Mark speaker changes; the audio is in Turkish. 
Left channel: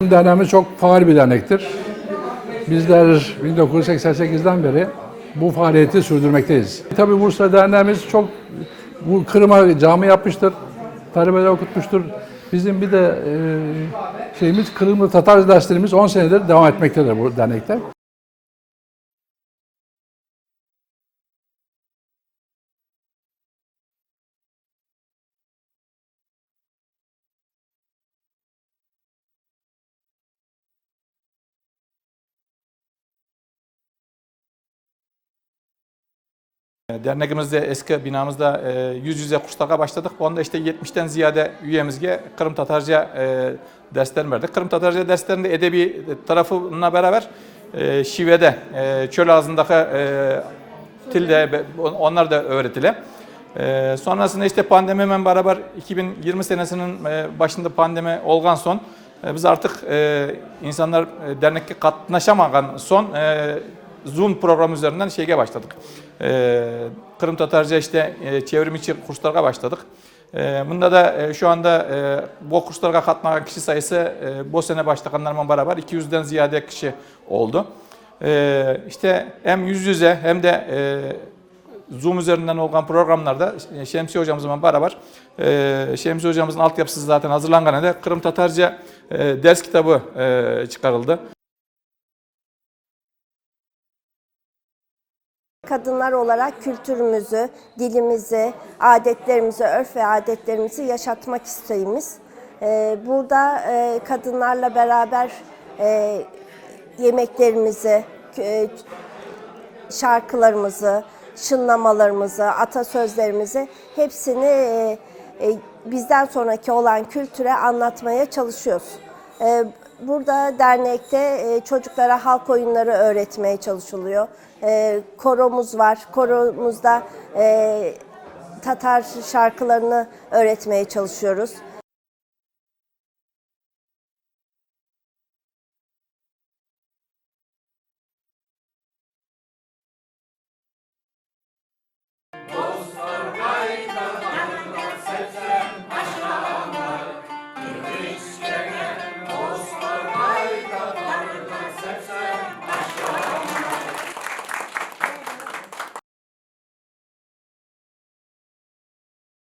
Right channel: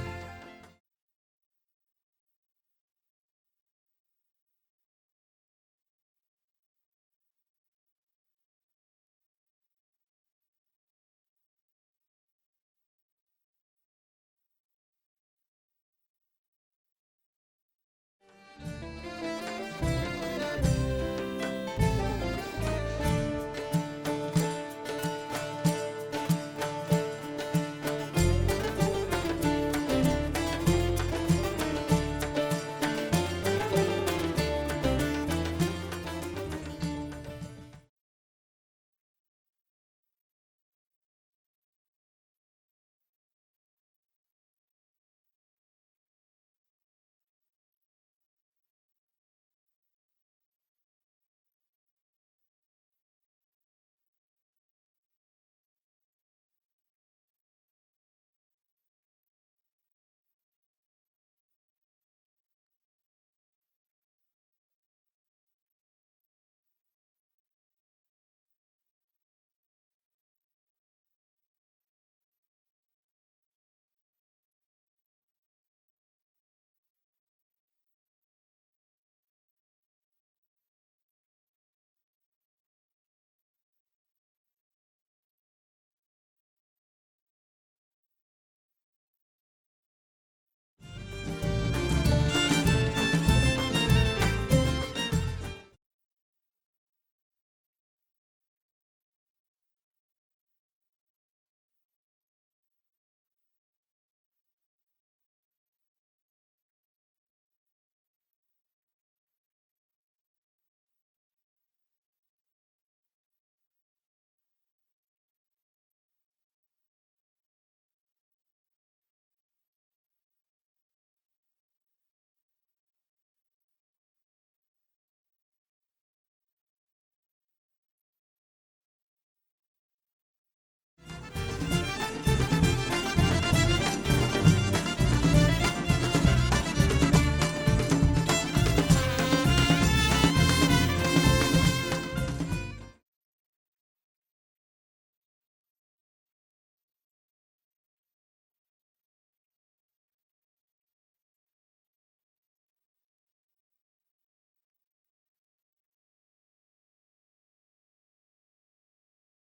Speaker 1: Derneğimiz çok faal bir dernektir. Bizler 1988'den beri bu faaliyeti sürdürmekteyiz. Tabii Bursa Derneğimiz çok bu Kırım'a cami yapmıştır, talebeler okutmuştur. Bizim bir de e, şeyimiz Kırımlı Tatar derslerimiz 10 senedir devam etmektedir bu dernekte.
Speaker 2: Derneğimizde eski binamızda e, yüz yüze kurslara başladık. Onda işte 70'ten ziyade üyemizge Kırım Tatarca e, dersler verdik. Kırım Tatarca derslerinde edebi tarafına beraber e, şivede, e, çöl ağzındaki e, tilde onlar da öğretile. E, sonrasında işte pandemi hemen beraber 2020 senesinin e, başında pandemi olgan son e, biz artık e, insanlar e, dernekte katlaşamagan son e, Zoom programı üzerinden şeye başladık. E, Kırım Tatarca işte e, çevrim içi kurslara başladık. E, bunda da e, şu anda e, bu kurslara katlanan kişi sayısı e, bu sene başlayanlarla beraber 200'den ziyade kişi oldu. E, işte hem yüz yüze hem de e, Zoom üzerinden olan programlarda e, Şemsi hocamızla beraber e, Şemsi hocamızın altyapısı zaten hazırlangan da Kırım Tatarca e, ders kitabı e, çıkarıldı.
Speaker 3: Kadınlar olarak kültürümüzü, dilimizi, adetlerimizi, örf ve adetlerimizi yaşatmak isteğimiz. Ee, Burada e, kadınlarla beraber e, yemeklerimizi, e, şarkılarımızı, şınlamalarımızı, atasözlerimizi hepsini bizden sonraki olan kültüre anlatmaya çalışıyoruz. Burada dernekte e, çocuklara halk oyunları öğretmeye çalışılıyor. E, Koromuz var. Koromuzda e, Tatar şarkılarını öğretmeye çalışıyoruz.